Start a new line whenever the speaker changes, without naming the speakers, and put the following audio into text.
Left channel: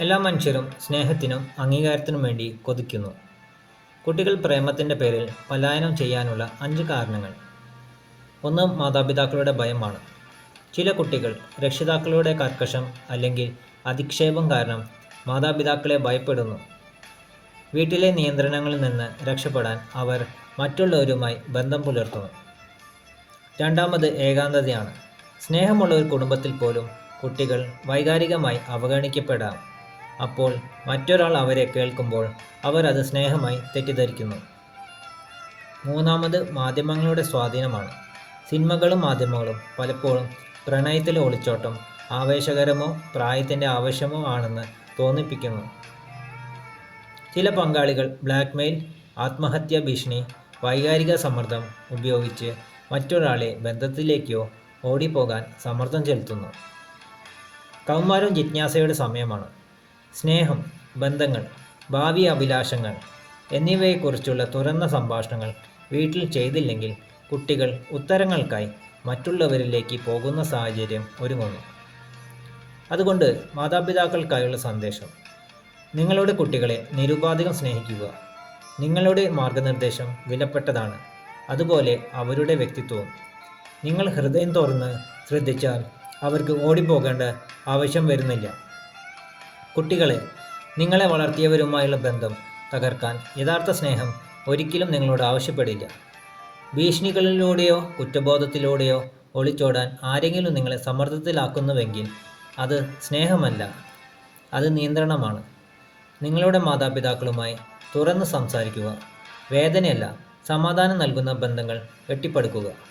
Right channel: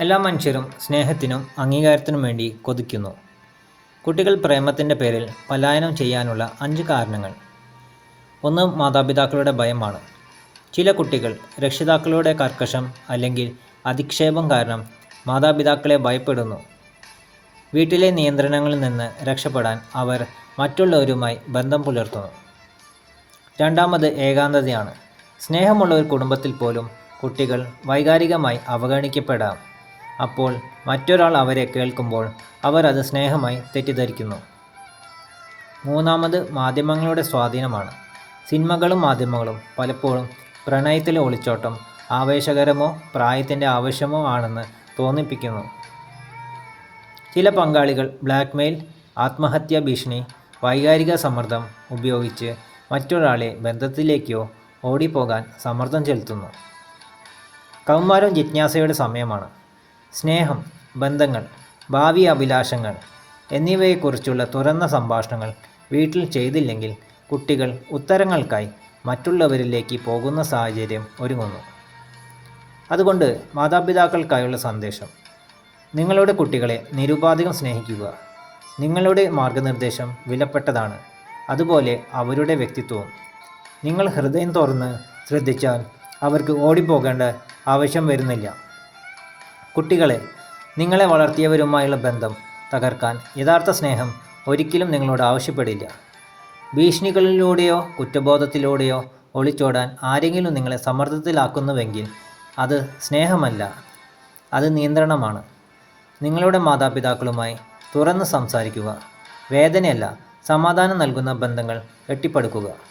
എല്ലാ മനുഷ്യരും സ്നേഹത്തിനും അംഗീകാരത്തിനും വേണ്ടി കൊതിക്കുന്നു. കുട്ടികൾ പ്രേമത്തിന്റെ പേരിൽ പലായനം ചെയ്യാനുള്ള അഞ്ച് കാരണങ്ങൾ. ഒന്ന് മാതാപിതാക്കളുടെ ഭയമാണ്. ചില കുട്ടികൾ രക്ഷിതാക്കളുടെ കർക്കശം അല്ലെങ്കിൽ അധിക്ഷേപം കാരണം മാതാപിതാക്കളെ ഭയപ്പെടുന്നു. വീട്ടിലെ നിയന്ത്രണങ്ങളിൽ നിന്ന് രക്ഷപ്പെടാൻ അവർ മറ്റുള്ളവരുമായി ബന്ധം പുലർത്തുന്നു. രണ്ടാമത് ഏകാന്തതയാണ്. സ്നേഹമുള്ള ഒരു കുടുംബത്തിൽ പോലും കുട്ടികൾ വൈകാരികമായി അവഗണിക്കപ്പെടാം. അപ്പോൾ മറ്റൊരാൾ അവരെ കേൾക്കുമ്പോൾ അവർ അത് സ്നേഹമായി തെറ്റിദ്ധരിക്കുന്നു. മൂന്നാമത് മാധ്യമങ്ങളുടെ സ്വാധീനമാണ്. സിനിമകളും മാധ്യമങ്ങളും പലപ്പോഴും പ്രണയത്തിലെ ഒളിച്ചോട്ടം ആവേശകരമോ പ്രായത്തിന്റെ ആവശ്യമോ ആണെന്ന് തോന്നിപ്പിക്കുന്നു. ചില പങ്കാളികൾ ബ്ലാക്ക്മെയിൽ ആത്മഹത്യാ ഭീഷണി വൈകാരിക സമ്മർദ്ദം ഉപയോഗിച്ച് മറ്റൊരാളെ ബന്ധത്തിലേക്കോ ഓടിപ്പോകാൻ സമ്മർദ്ദം ചെലുത്തുന്നു. കൗമാരം ജിജ്ഞാസയുടെ സമയമാണ്. സ്നേഹം ബന്ധങ്ങൾ ഭാവി അഭിലാഷങ്ങൾ എന്നിവയെക്കുറിച്ചുള്ള തുറന്ന സംഭാഷണങ്ങൾ വീട്ടിൽ ചെയ്തില്ലെങ്കിൽ കുട്ടികൾ ഉത്തരങ്ങൾക്കായി മറ്റുള്ളവരിലേക്ക് പോകുന്ന സാഹചര്യം ഒരുങ്ങുന്നു. അതുകൊണ്ട് മാതാപിതാക്കൾക്കായുള്ള സന്ദേശം. നിങ്ങളുടെ കുട്ടികളെ നിരുപാധികം സ്നേഹിക്കുക. നിങ്ങളുടെ മാർഗനിർദ്ദേശം വിലപ്പെട്ടതാണ്. അതുപോലെ അവരുടെ വ്യക്തിത്വവും. നിങ്ങൾ ഹൃദയം തുറന്ന് ശ്രദ്ധിച്ചാൽ അവർക്ക് ഓടിപ്പോകേണ്ട ആവശ്യം വരുന്നില്ല. കുട്ടികളെ നിങ്ങളെ വളർത്തിയവരുമായുള്ള ബന്ധം തകർക്കാൻ യഥാർത്ഥ സ്നേഹം ഒരിക്കലും നിങ്ങളോട് ആവശ്യപ്പെടില്ല. ഭീഷണികളിലൂടെയോ കുറ്റബോധത്തിലൂടെയോ ഒളിച്ചോടാൻ ആരെങ്കിലും നിങ്ങളെ സമ്മർദ്ദത്തിലാക്കുന്നുവെങ്കിൽ അത് സ്നേഹമല്ല അത് നിയന്ത്രണമാണ്. നിങ്ങളുടെ മാതാപിതാക്കളുമായി തുറന്ന് സംസാരിക്കുക വേദനയല്ല സമാധാനം നൽകുന്ന ബന്ധങ്ങൾ കെട്ടിപ്പടുക്കുക